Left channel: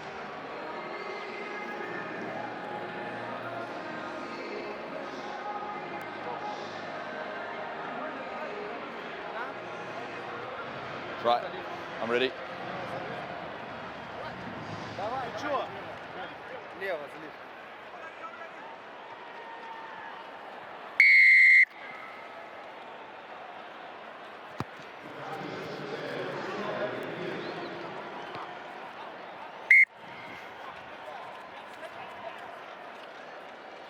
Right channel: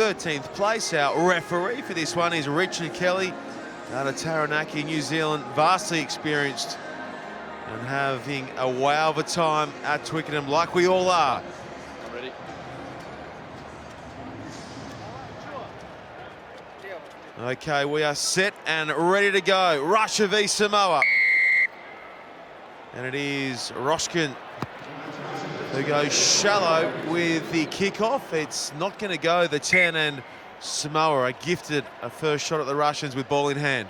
13th place. Our referee for this one is Richard Kelly out of Taranaki, New Zealand, vastly experienced and having a wow of a time at Twickenham, like we all are. Right. I'm ready. Okay, we are set and ready to go. Russia v Samoa. And it is Roshkin who goes shallow with the kickoff. It's not going to go. The 10, and Samoa are gifted a first shot at the Russians with ball in hand.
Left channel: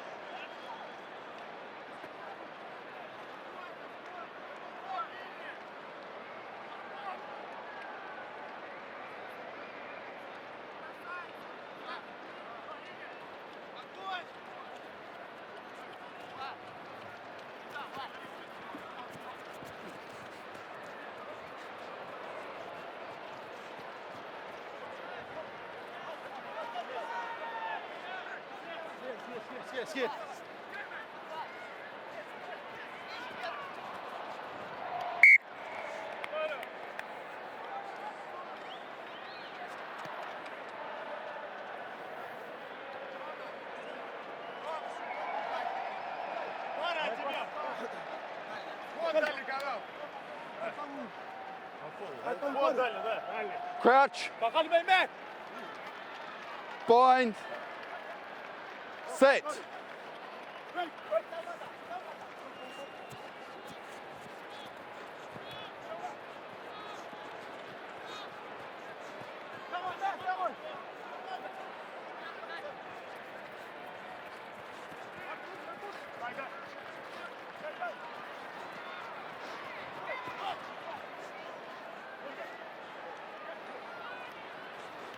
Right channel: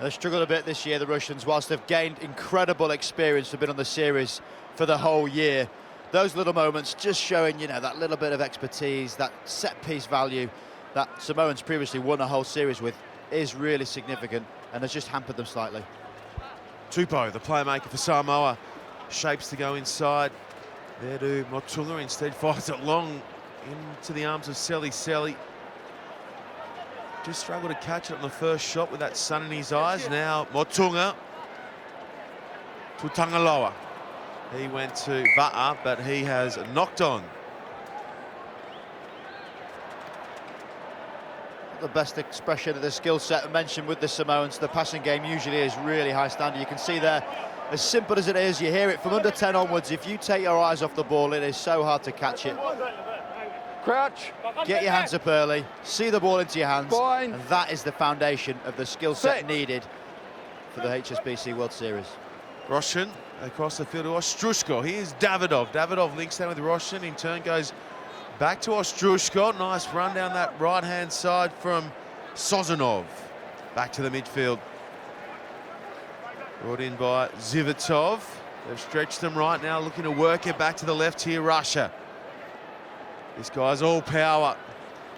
They've struggled a bit this year, the Russians, whilst they've gained incredible experience. They've been on the series for the whole year. Those little moments just showing, you know, that little bit of expertise, that set-piece value that Samoans previously won a whole series with is really significant and has just hampered them slightly. Tupou, the playmaker for Samoa, shapes to go inside. There to Motunga, instead fires it long into the arms of Selly. Just struggled to catch it on the first shot with that sun in his eyes. Now Motunga to Tangaloa. He went to Va'a, but he has knocked on. The best expression of the skill set mentioned with the Samoans. The passing game usually is really high standard. You can see there, as simple as it is, you hear it from under 10 onwards. If you take your eyes off the ball, it is so hard to catch it. Crouch. Get your hands up early, see the ball into your hands, and that is the foundation of the skill set needed for the HSBC World Series. Roshan across the field to Ostrushko. Here's Davidov. Davidov links down with Roshan, in turn goes back to Ostrushko. Nice run down that right-hand side from Sozanov. Back to the midfield. Brought in by Zivitov. They've stretched them right now, looking to work it back to the left here, Russia. This guy's all power.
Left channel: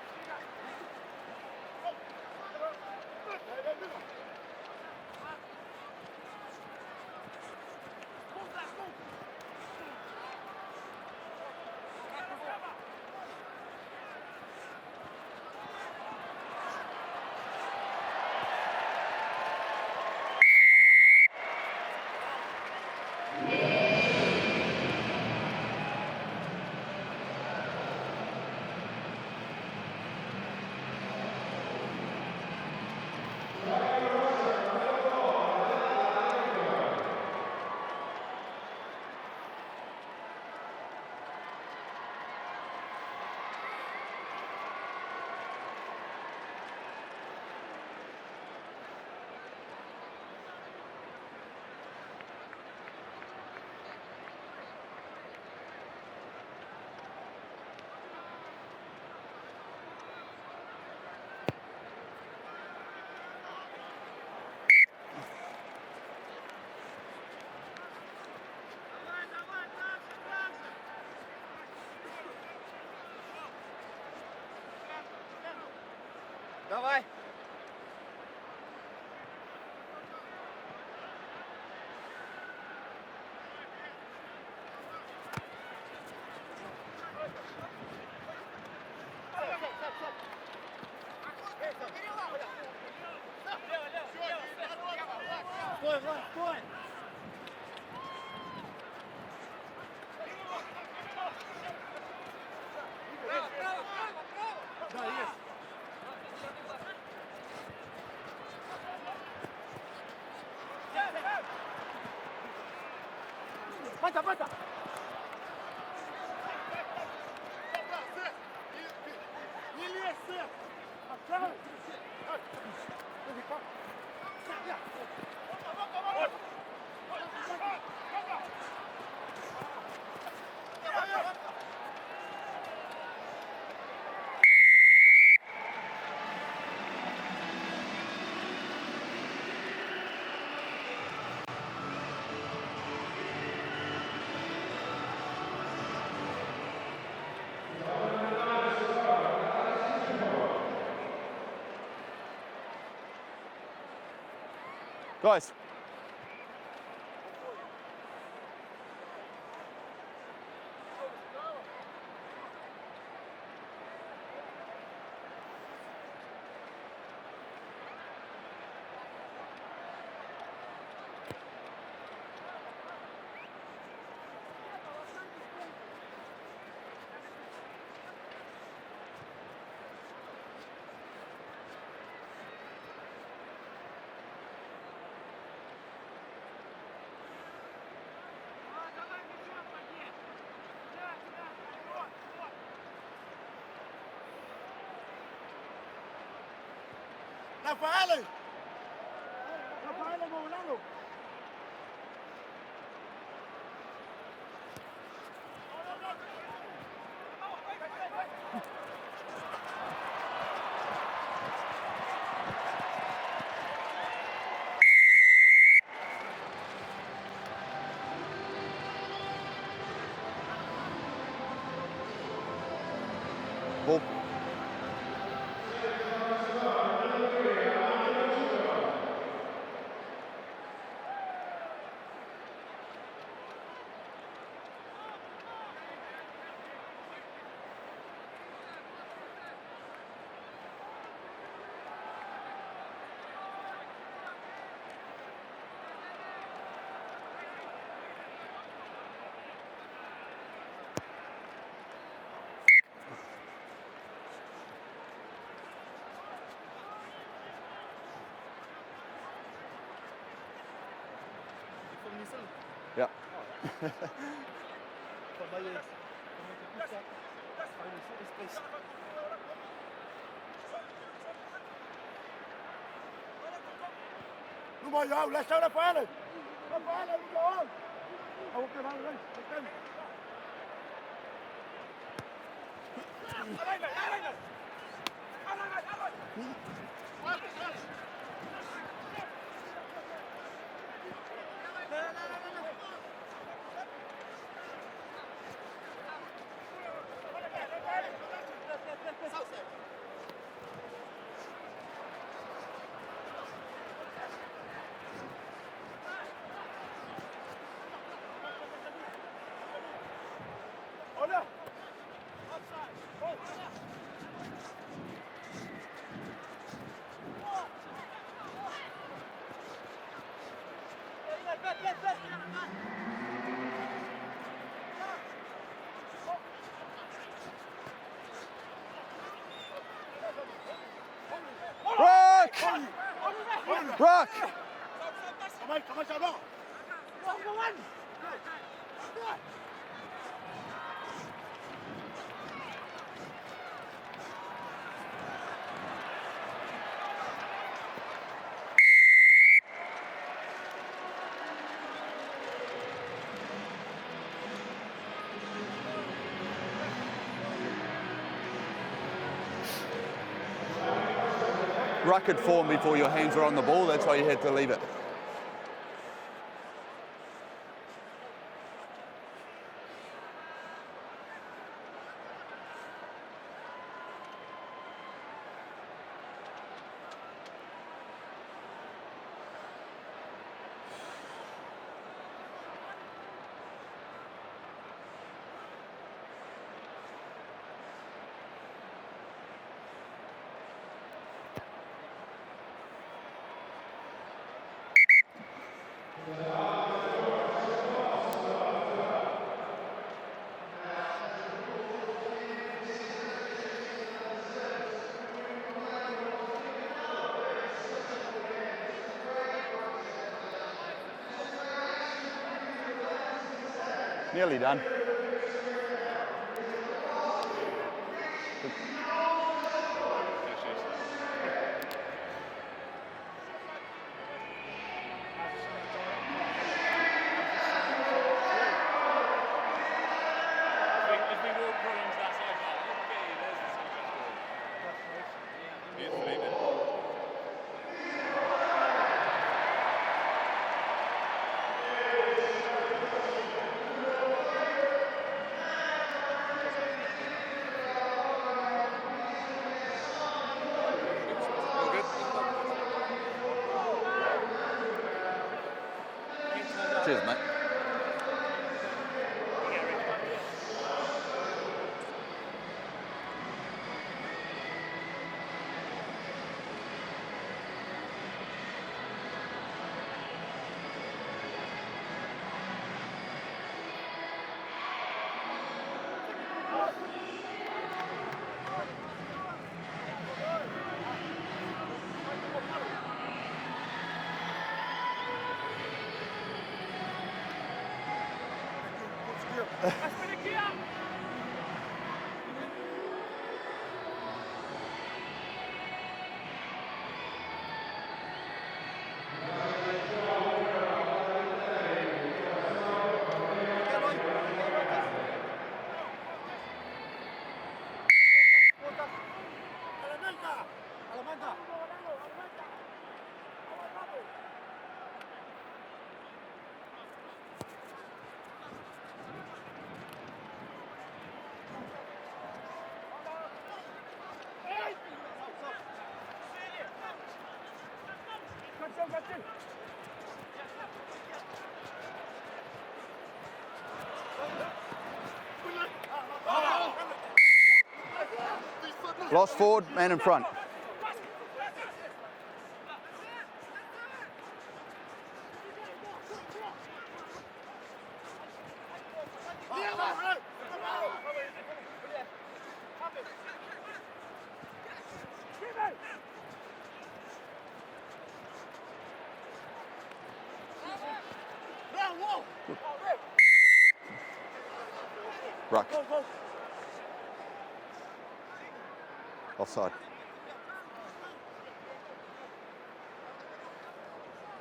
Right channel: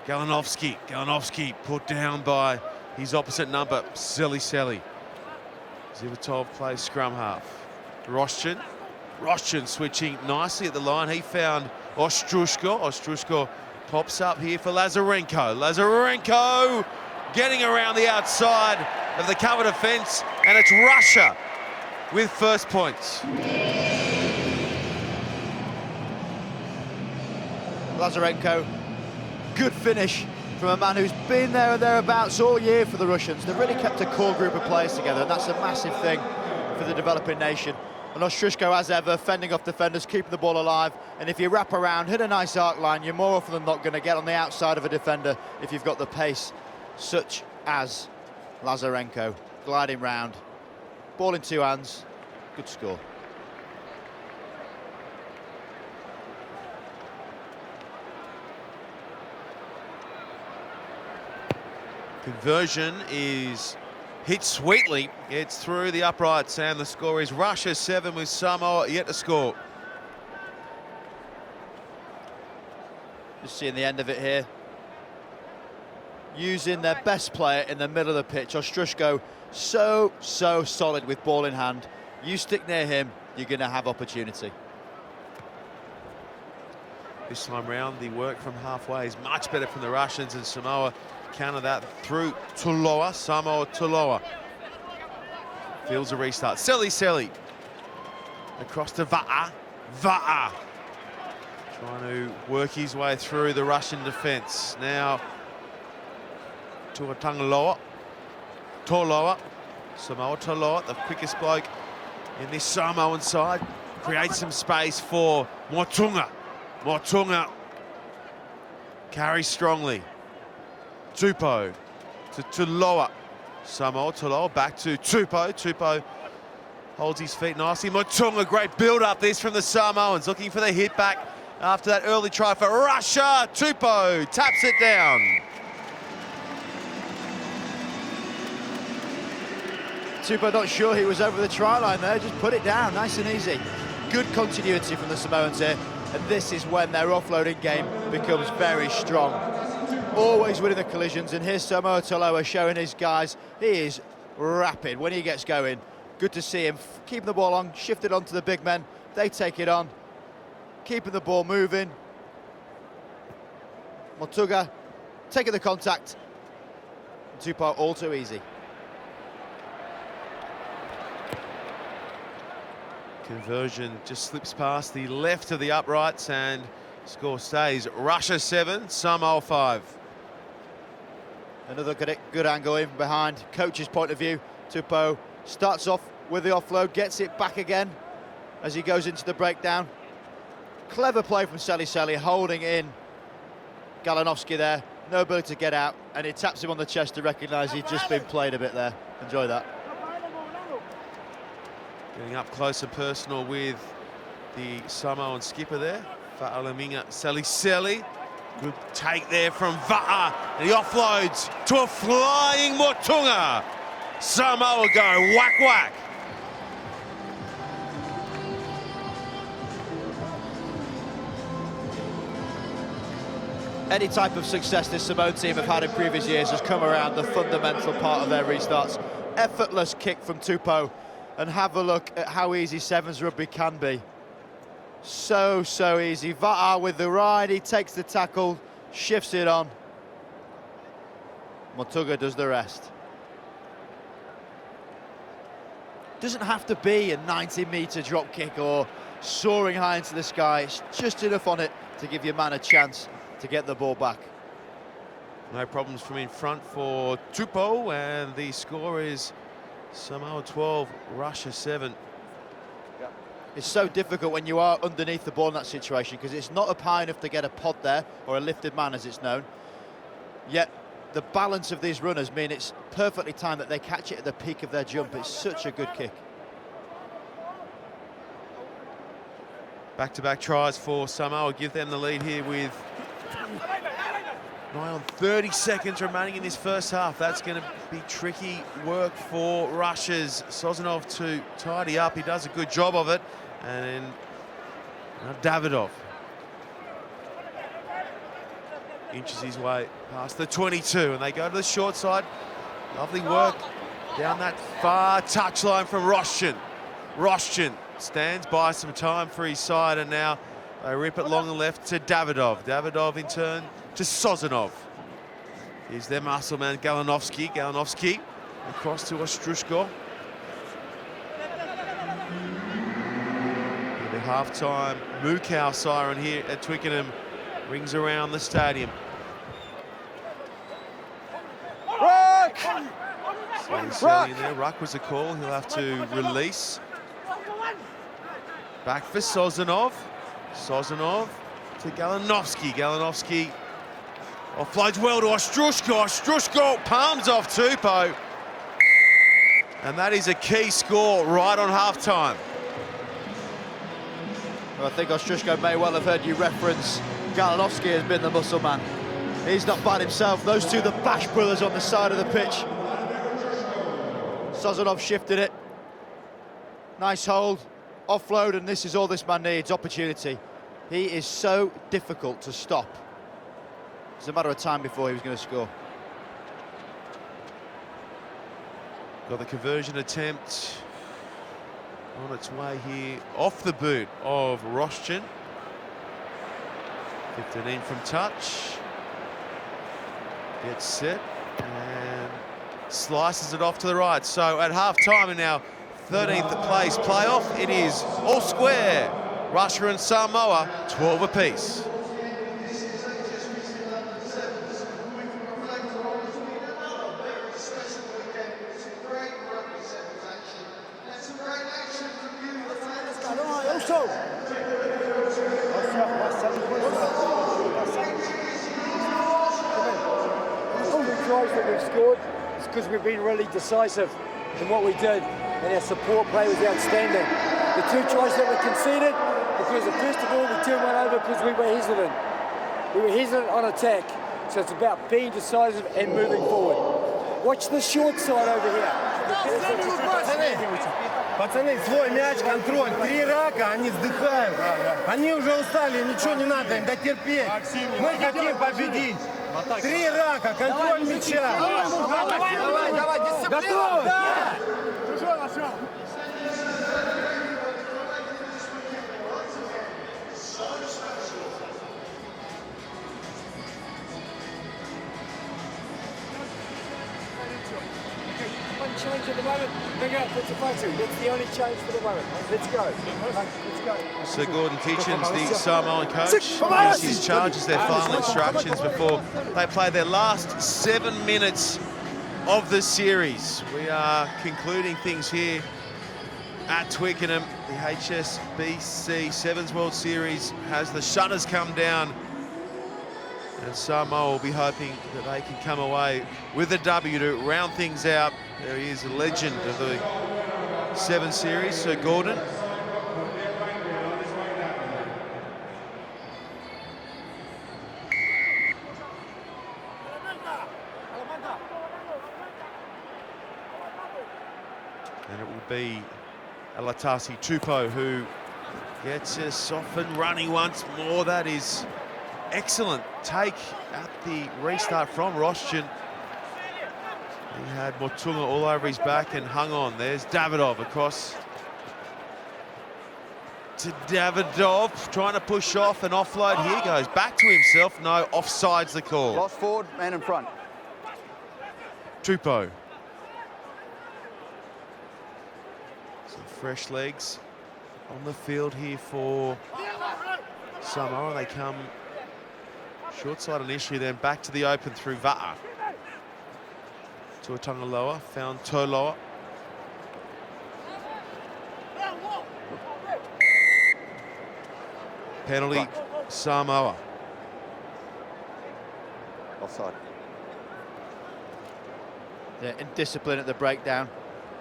Galinovsky put down by his opposite number, Selly. Zivitov plays scrum half. Roshchin switching nicely at the line. He found Ostrushko. Ostrushko pops up here for Lazarenko. Lazarenko getting around the outside of the cover defence, and it's Russia with first points. Lazarenko, good finish from a man who's been there and thereabouts all year for the Russians. They've really kept a core group of players together, and that's a massive thing for the developing nation. And Ostrushko, as ever, fending off defenders, keeping the ball alive. And if you wrap around, hit a nice arc line, you're more often than not going to get on the outside of a defender if you've got the pace, such as Lazarenko, gliding round. Ball in two hands, good score. Conversion is hit sweetly. It's through the uprights, and the score is Russia 7 with Samoa yet to score. Just seeing the end of it here. Using their best player in the middle of the pitch. Ostrushko, so solid with ball in hand. You stick near him, you're going to have opportunity. This time round, the work from halfway is much better from the Russians, and Samoa counter that through Tuloa. Samoa Tuloa feels a restart. Selly across to Va'a. Trying to work his way through the Russian defence. Now to a Tangaloa. Toloa. Samoa Toloa, the quickest bloke in this Samoan side. Creates some space for Motunga. Motunga carries strongly. Tupou to Tuloa. Samoa Tuloa back to Tupou. Tupou holds his feet nicely. Motunga, great build-up this from the Samoans, looking for the hit back after that early try for Russia. Tupou taps it down. Tupou not sure he was over the try line there, just put it down, nice and easy. Good continuity from the Samoans here, and this is when their offloading game becomes very strong. Always winning the collisions, and here's Samoa Tuloa showing his guys he is rapid when he gets going. Good to see him keeping the ball on, shifted onto the big men. They take it on, keeping the ball moving. Motunga taking the contact. Tupou all too easy. Conversion just slips past the left of the uprights, and Score stays Russia 7, Samoa 5. Another good angle in behind. Coach's point of view. Tupou starts off with the offload, gets it back again as he goes into the breakdown. Clever play from Seli, holding in Galanovski there. No ability to get out, and he taps him on the chest to recognise he'd just been played a bit there. Enjoy that. Getting up close and personal with the Samoan skipper there, Fa'alaminga Seli. Good take there from Va'a, and he offloads to a flying Motunga. Samoa go whack whack. Any type of success this Samoan team have had in previous years has come around the fundamental part of their restarts. Effortless kick from Tupou, and have a look at how easy Sevens rugby can be. So easy. Va'a with the ride, he takes the tackle, shifts it on. Motunga does the rest. Doesn't have to be a 90-metre drop kick or soaring high into the sky. It's just enough on it to give your man a chance to get the ball back. No problems from in front for Tupou, and the score is Samoa 12, Russia 7. Yeah. It's so difficult when you are underneath the ball in that situation, because it's not up high enough to get a pod there, or a lifted man as it's known. Yet the balance of these runners mean it's perfectly timed that they catch it at the peak of their jump. It's such a good kick. Back-to-back tries for Samoa, give them the lead here with 9 on 30 seconds remaining in this first half. That's going to be tricky work for Russia's Sozanov to tidy up. He does a good job of it. And now Davidov inches his way past the 22, and they go to the short side. Lovely work down that far touchline from Roshchin. Roshchin stands by some time for his side, and now they rip it long and left to Davidov. Davidov in turn to Sozanov. Here's their muscle man, Galanovski. Galanovski across to Ostrushko. The half-time Mukau siren here at Twickenham rings around the stadium. Ruck! In there. Ruck was a call. He'll have to release. Back for Sozanov. Sozanov to Galanovski. Galanovski offloads well to Ostrushko. Ostrushko palms off Tupou. And that is a key score right on half-time. Well, I think Ostrushko may well have heard you reference Galanovski has been the muscle man. He's not bad himself. Those two, the Bash brothers on the side of the pitch. Before your hands are on the ball, that's why you had to leave. Sozanov shifted it. Nice hold, offload, and this is all this man needs, opportunity. He is so difficult to stop. It's a matter of time before he was going to score. Got the conversion attempt on its way here off the boot of Roshchin. 15 from touch. Gets set and slices it off to the right. So at half-time in our 13th place playoff, it is all square. Russia and Samoa, 12 apiece. Nearly done. All the tries that we've scored is because we've been really decisive in what we did, and our support play was outstanding. The two tries that were conceded, because first of all we turned one over because we were hesitant. We were hesitant on attack, so it's about being decisive and moving forward. Watch the short side over here. Пацаны, свой мяч, контроль. 3 рака, они вздыхают. Они уже устали, ничего не надо им дотерпеть. Мы хотим победить. 3 рака, контроль мяча. Давай, готов! change at the moment. Bring out Fitsafatu. That's the only change for the moment. Let's go. Let's go. Sir Gordon Kitchens, the Samoan coach, gives his charges their final instructions before they play their last 7 minutes of the series. We are concluding things here at Twickenham. The HSBC Sevens World Series has the shutters come down, and Samoa will be hoping that they can come away with a W to round things out. There he is, a legend of the Sevens Series, Sir Gordon. And it will be Alatasi Tupou who gets us off and running once more. That is excellent take at the restart from Rostian. He had Motunga all over his back and hung on. There's Davidov across to Davidov, trying to push off and offload. Here goes back to himself. No, offside's the call. Lost forward, man in front. Tupou. Some fresh legs on the field here for Samoa. They come short side initially, then back to the open through Va'a. Tuatangaloa found Toloa. Penalty, Right. Samoa. Offside. Yeah, indiscipline at the breakdown.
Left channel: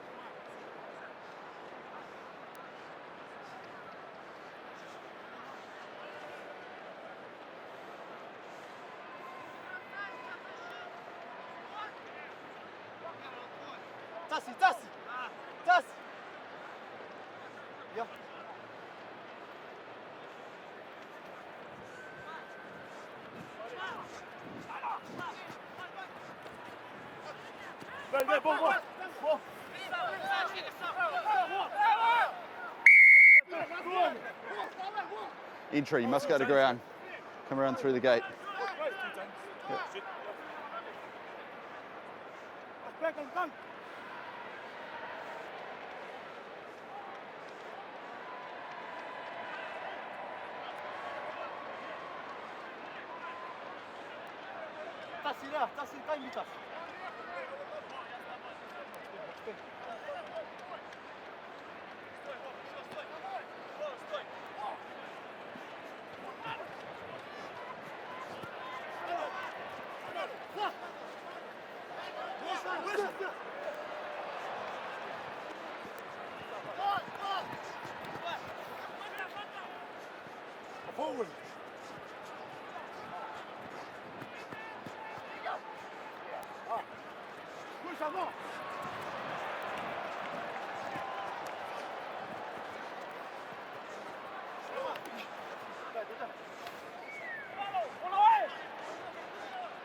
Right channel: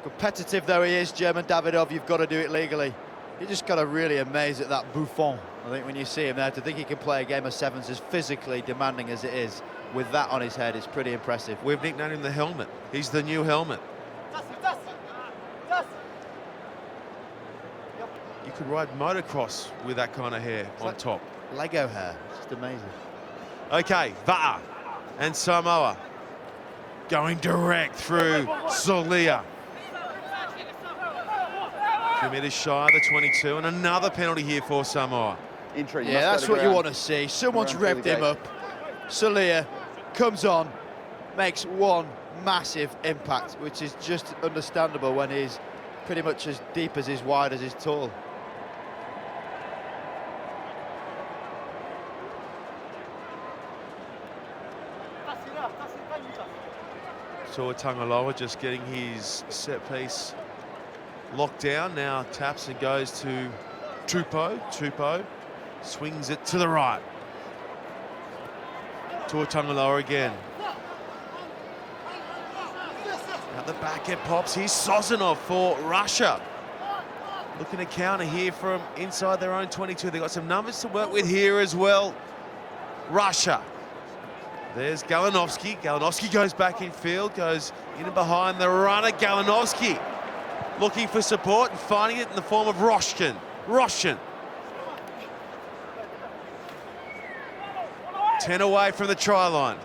Competitive though he is, German Davidov, you've got to do it legally. You just got to really amaze at that Buffon. I think when you see him there, to think he can play a game of sevens as physically demanding as it is, with that on his head, is pretty impressive. We've nicknamed him the Helmet. He's the new Helmet. You could ride motocross with that kind of hair on top. Lego hair, just amazing. Okay, Va'a and Samoa going direct through Solia. 2 meters shy of the 22, and another penalty here for Samoa. Entry. Yeah, that's what you want to see. Someone's revved him up. Solia comes on, makes one massive impact, which is just understandable when he's pretty much as deep as he's wide as he's tall. Tuatangaloa just getting his set piece locked down. Now taps and goes to Tupou. Tupou swings it to the right. Tuatangaloa again. At the back it pops. Here's Sozanov for Russia. Looking to counter here from inside their own 22. They've got some numbers to work with here as well. Russia. There's Galinovsky. Galinovsky goes back in field, goes in and behind the runner. Galinovsky looking for support and finding it in the form of Rostian. Rostian. 10 away from the try line.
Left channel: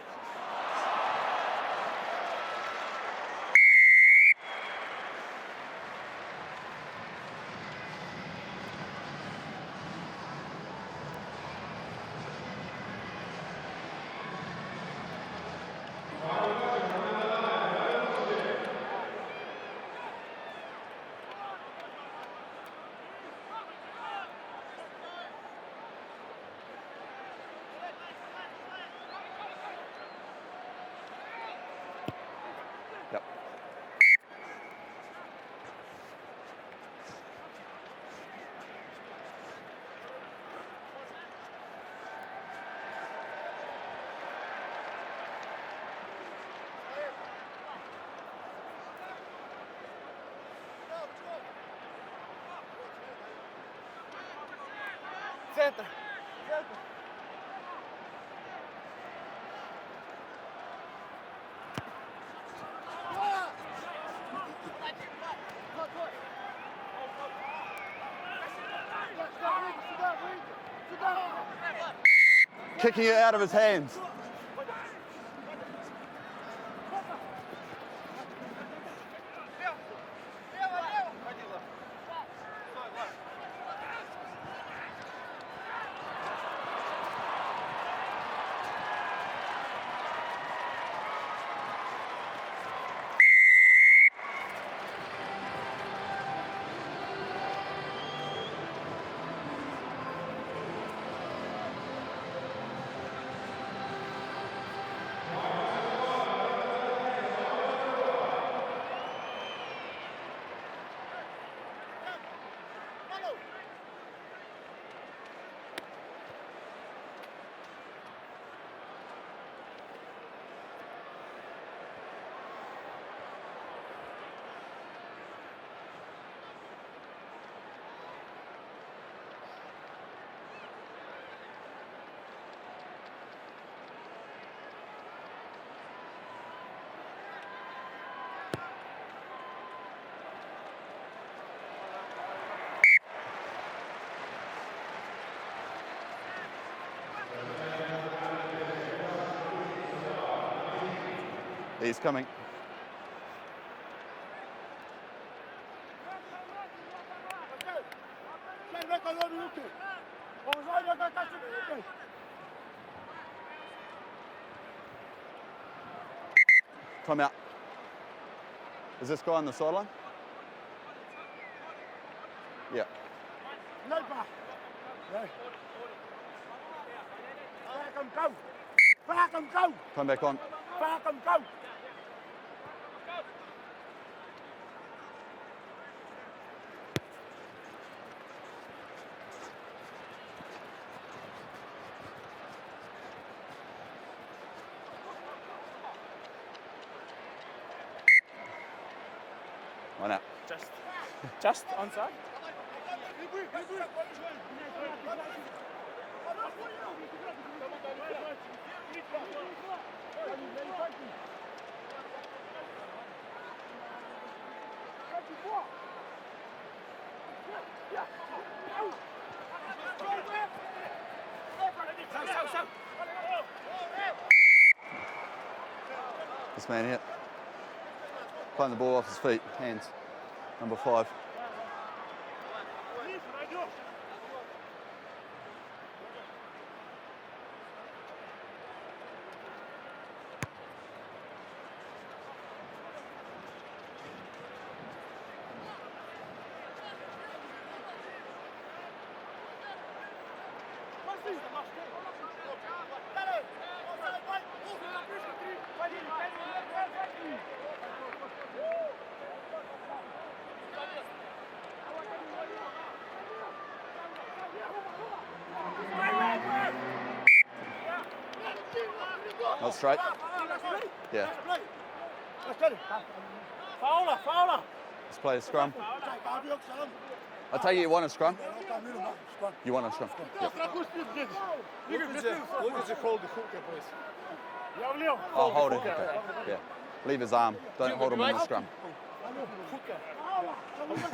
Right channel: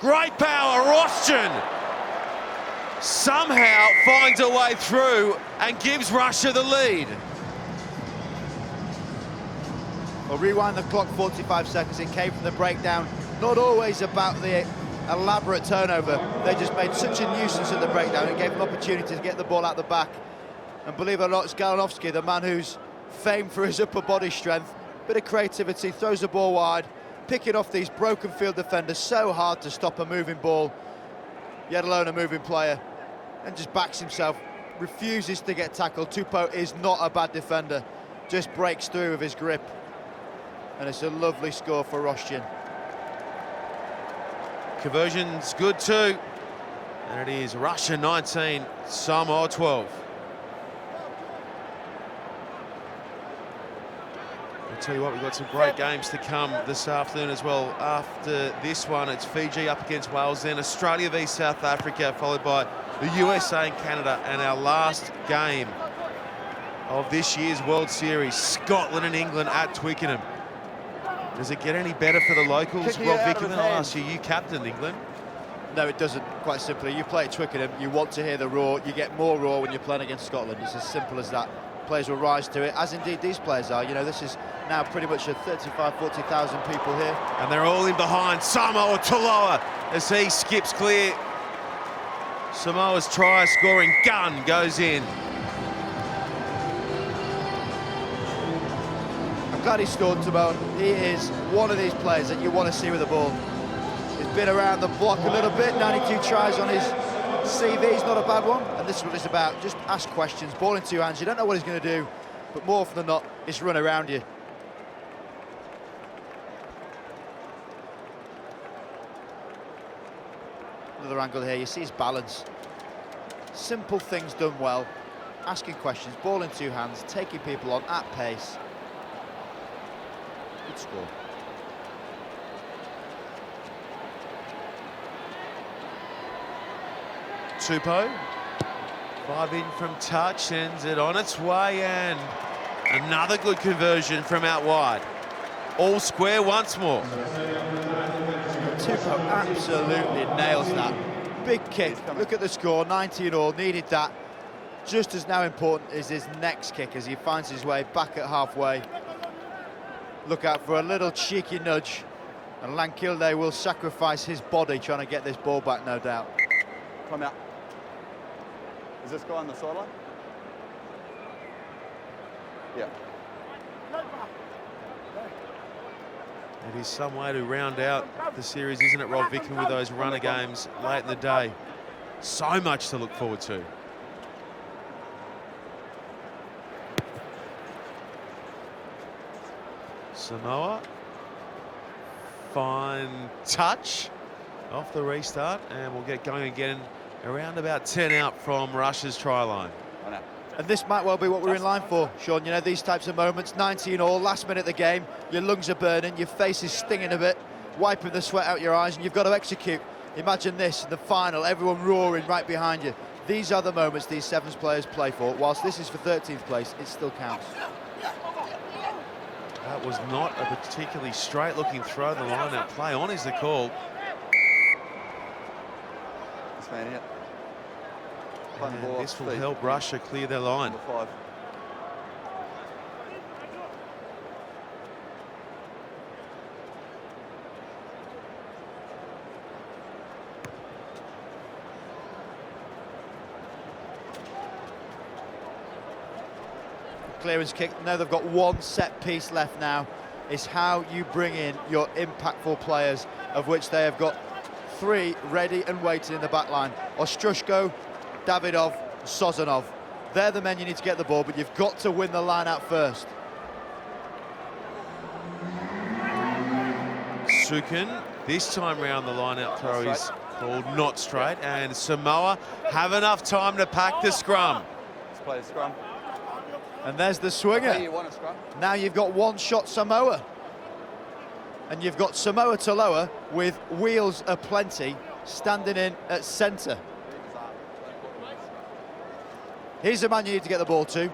Great power, Rostian somehow finds a way through and gives Russia the lead. Well, rewind the clock 45 seconds, it came from the breakdown. Not always about the elaborate turnover. They just made such a nuisance in the breakdown. It gave them opportunity to get the ball out the back. And believe it or not, it's Galinovsky, the man who's famed for his upper body strength. Bit of creativity, throws the ball wide, picking off these broken field defenders. So hard to stop a moving ball, yet alone a moving player. Yep. And just backs himself, refuses to get tackled. Tupou is not a bad defender, just breaks through with his grip. And it's a lovely score for Rostian. Conversion's good too. There it is, Russia 19, Samoa 12. I'll tell you what, we've got some great games to come this afternoon as well. After this one, it's Fiji up against Wales, then Australia v South Africa, followed by the USA and Canada, and our last game of this year's World Series, Scotland and England at Twickenham. Does it get any better for the locals? Kick it Well, out Vicky, of his I'll hand. ask you, you captained England. No, it doesn't, quite simply. You play at Twickenham, you want to hear the roar, you get more roar when you're playing against Scotland. It's as simple as that. Players will rise to it, as indeed these players are. You know, this is now pretty much a 35, 40,000 people here. And they're all in behind Samoa Toloa as he skips clear. Samoa's try-scoring gun goes in. I'm glad he scored, Samoa. He is one of these players that you want to see with the ball. He's been around the block a little bit, 92 tries on his CV is not a bad one, and this is what it's about. Just ask questions, ball in two hands. You don't know what he's going to do, but more often than not, it's run around you. Another angle here, you see his balance. Simple things done well, asking questions, ball in two hands, taking people on at pace. Good score. Tupou, 5 in from touch, sends it on its way, and another good conversion from out wide. All square once more. Tupou absolutely nails that. Big kick, look at the score, 19 all, needed that. Just as now important is his next kick as he finds his way back at halfway. Look out for a little cheeky nudge, and Lankilde will sacrifice his body trying to get this ball back, no doubt. Come out. Is this guy on the sideline? Yeah. It is some way to round out the series, isn't it, Rob Vickman, with those runner games late in the day. So much to look forward to. Samoa, fine touch off the restart, and we'll get going again around about 10 out from Russia's try line. And this might well be what we're in line for, Sean. You know, these types of moments, 19 all, last minute of the game, your lungs are burning, your face is stinging a bit, wiping the sweat out your eyes, and you've got to execute. Imagine this, the final, everyone roaring right behind you. These are the moments these sevens players play for. Whilst this is for 13th place, it still counts. That was not a particularly straight-looking throw. The line out play on is the call. This man here. Putting the ball off This his will feet. help Russia clear their line. Number 5. Clearance kick. Now they've got one set piece left now. It's how you bring in your impactful players, of which they have got 3 ready and waiting in the back line. Ostrushko, Davidov, Sozanov. They're the men you need to get the ball, but you've got to win the line out first. Sukin, this time round the line out throw is called not straight, and Samoa have enough time to pack the scrum. Let's play the scrum. And there's the swinger. Hey, you want a scrum? Now you've got one shot Samoa. And you've got Samoa Taloa with wheels aplenty standing in at centre. Leave his arm. Don't hold him in the scrum. Here's the man you need to get the ball to,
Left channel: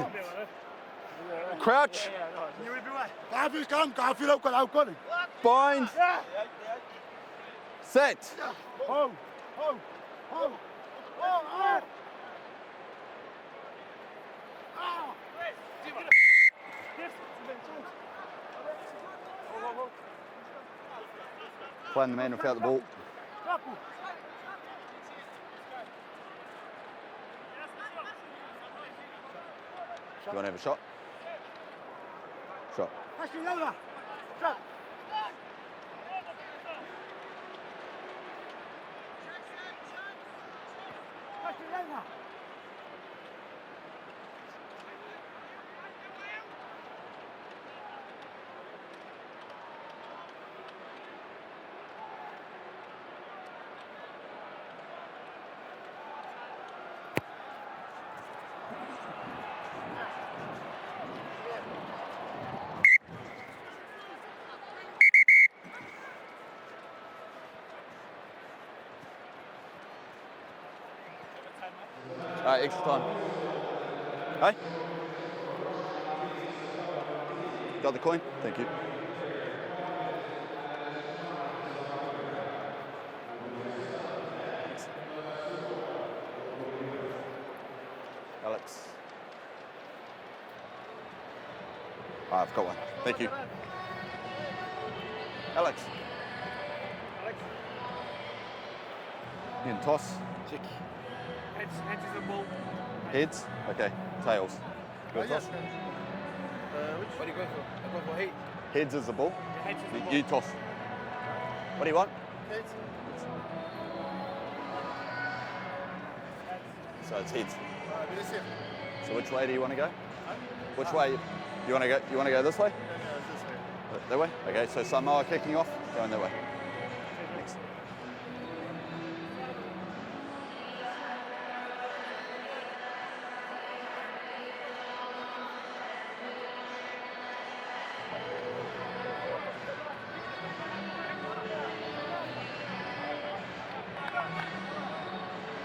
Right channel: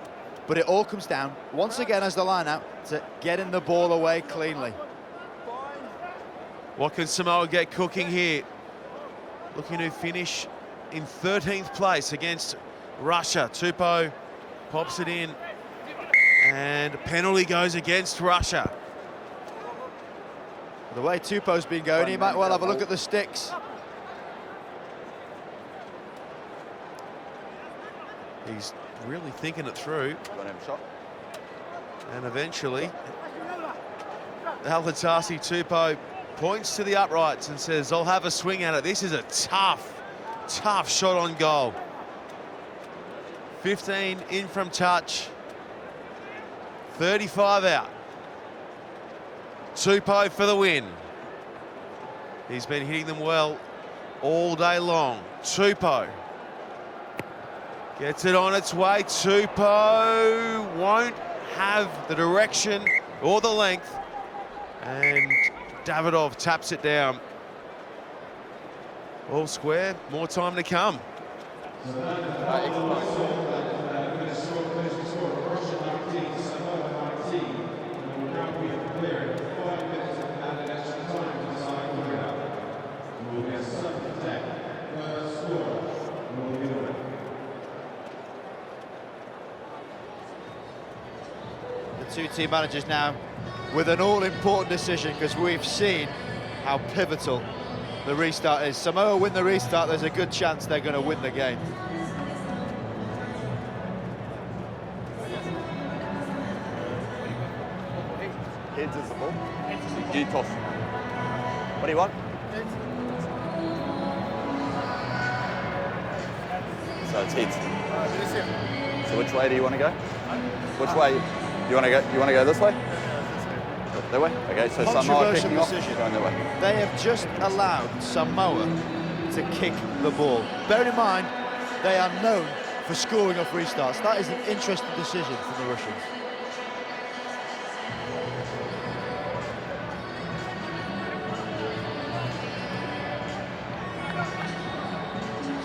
but it all comes down, once again as the line out, to getting the ball away cleanly. Bind. What can Samoa get cooking here? Looking to finish in 13th place against Russia. Tupou pops it in, and penalty goes against Russia. The way Tupou's been going, he might well have a look at the sticks. He's really thinking it through. You want to have a shot? And eventually, Alatasi Tupou points to the uprights and says, I'll have a swing at it. This is a tough, tough shot on goal. 15 in from touch. 35 out. Tupou for the win. He's been hitting them well all day long. Tupou gets it on its way. Tupou won't have the direction or the length. And Davidov taps it down. All square, more time to come. Excellent. Hey. Got the coin? Thank you. Alex. The 2 team managers now with an all-important decision, because we've seen how pivotal the restart is. Samoa win the restart, there's a good chance they're going to win the game. Heads? Okay. Tails. Heads is the ball. You toss. What do you want? So it's heads. So which way do you want to go? Which way? You want to go? You want to go this way? That way? Okay. So Samoa Controversial kicking off. decision. Going that way. They have just allowed Samoa to kick the ball. Bear in mind, they are known for scoring off restarts. That is an interesting decision from the Russians.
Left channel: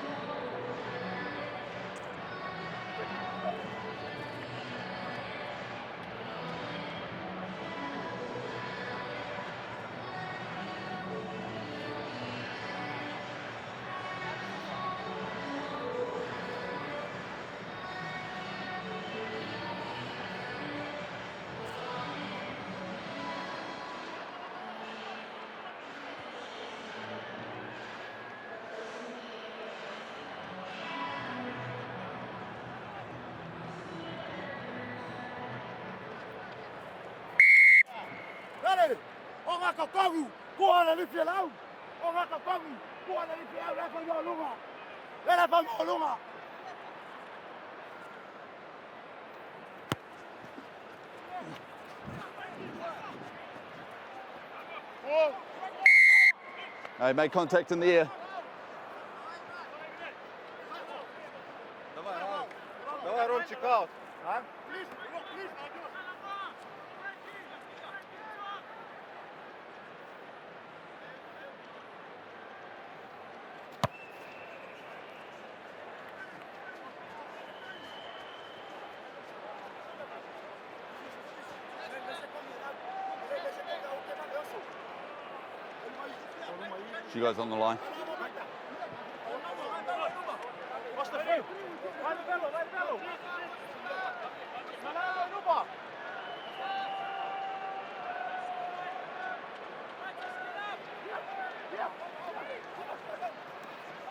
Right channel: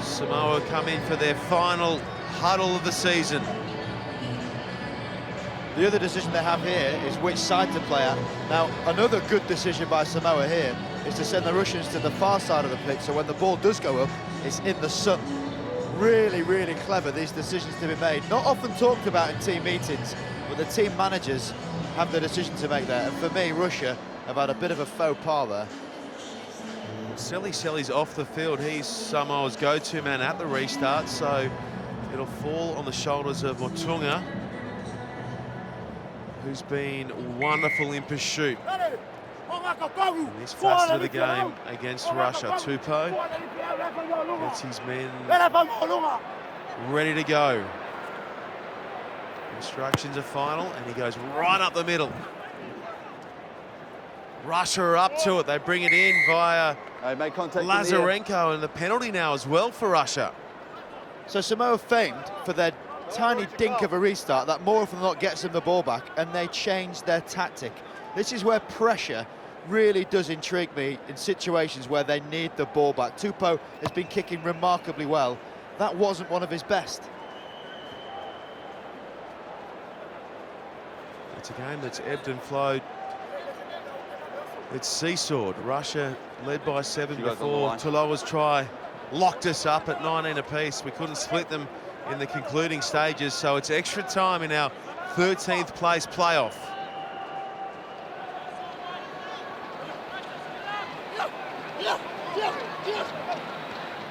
Samoa come in for their final huddle of the season. The other decision they have here is which side to play at. Now, another good decision by Samoa here is to send the Russians to the far side of the pitch, so when the ball does go up, it's in the sun. Really, really clever, these decisions to be made. Not often talked about in team meetings, but the team managers have the decision to make there. And for me, Russia have had a bit of a faux pas there. Selly's off the field. He's Samoa's go-to man at the restart, so it'll fall on the shoulders of Motunga, who's been wonderful in pursuit. And this facet of the game against Russia. Tupou gets his men ready to go. Instructions are final, and he goes right up the middle. Russia are up to it. They bring it in via Make contact. Lazarenko, and the penalty now as well for Russia. So Samoa feigned for their tiny dink of a restart that more often than not gets them the ball back, and they changed their tactic. This is where pressure really does intrigue me in situations where they need the ball back. Tupou has been kicking remarkably well. That wasn't one of his best. It's a game that's ebbed and flowed. It's seesawed. Russia led by 7 before Tuloa's try locked us up at 19 apiece. We couldn't split them in the concluding stages, so it's extra time in our 13th place playoff.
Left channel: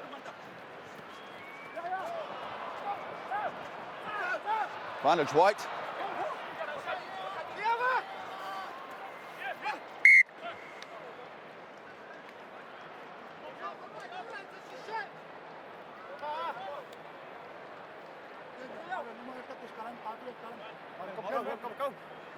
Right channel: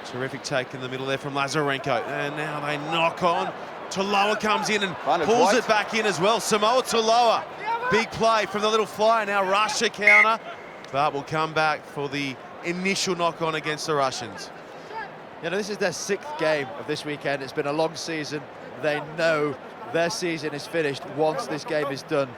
Terrific take in the middle there from Lazarenko, and now they knock on. Tuloa comes in and pulls it back in as well. Samoa Tuloa, big play from the little flyer. Now Russia counter, but will come back for the initial knock on against the Russians. You know, this is their 6th game of this weekend. It's been a long season. They know their season is finished once this game is done.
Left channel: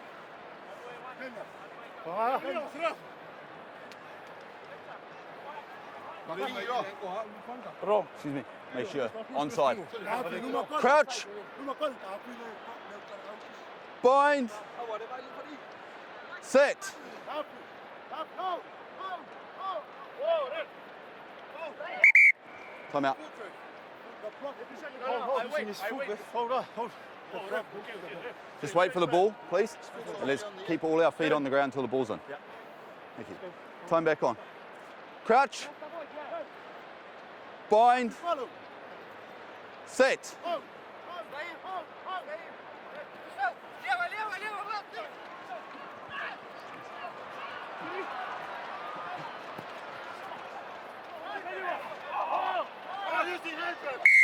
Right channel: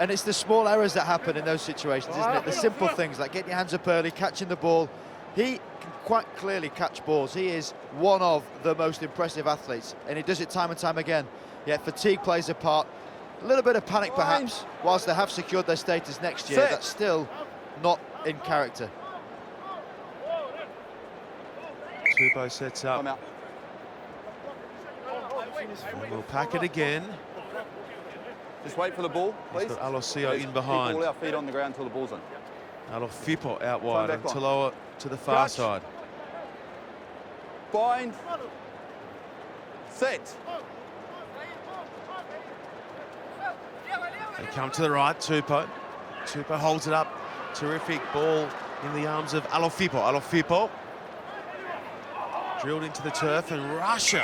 And it's the small errors that happen in those situations, isn't it? The simple things like getting your hands up early, catching the ball. He can quite clearly catch balls. He is one of the most impressive athletes, and he does it time and time again. Yet fatigue plays a part. A little bit of panic perhaps, whilst they have secured their status next year. That's still not in character. Tupou sets up. We'll pack it again. Just wait for the ball, please. Alosio in Keep behind. all our feet on the ground until the ball's in. Alofipo out wide, and Tuloa to the far side. Bind. Set. They come to the right, Tupou. Tupou holds it up. Terrific ball in the arms of Alofipo. Alofipo drilled into the turf, and Russia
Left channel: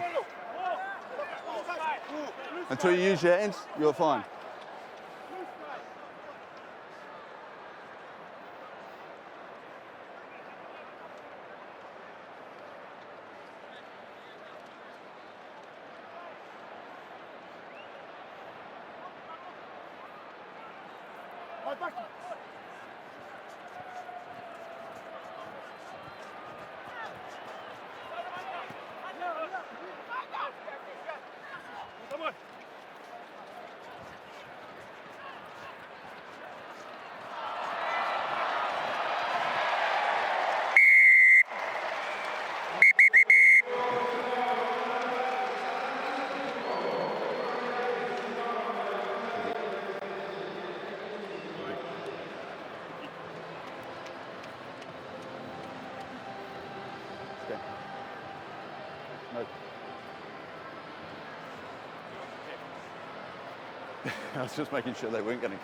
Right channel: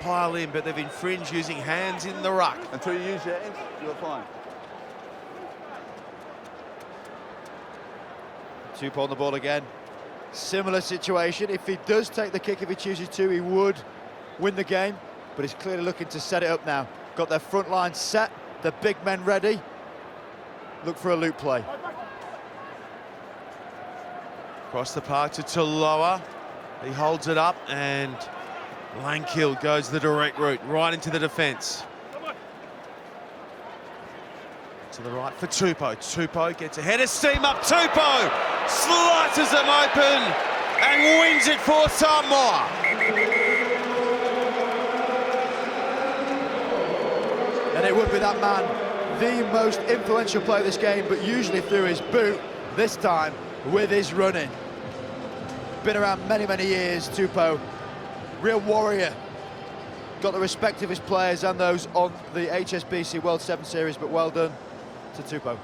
pile in, but they've infringed using hands in the ruck. Until you use your hands, you're fine. Tupou on the ball again. Similar situation. If he does take the kick, if he chooses to, he would win the game. But he's clearly looking to set it up now. Got their front line set, the big men ready. Look for a loop play. Across the park to Tuloa. He holds it up, and Langkill goes the direct route, right into the defence. To the right for Tupou. Tupou gets a head of steam up. Tupou slices them open and wins it for Samoa. And it would be that man, the most influential player of this game, but usually through his boot, this time with his running. Been around many, many years, Tupou. Real warrior. Got the respect of his players and those on the HSBC World 7 Series, but well done Just making sure that to Tupou.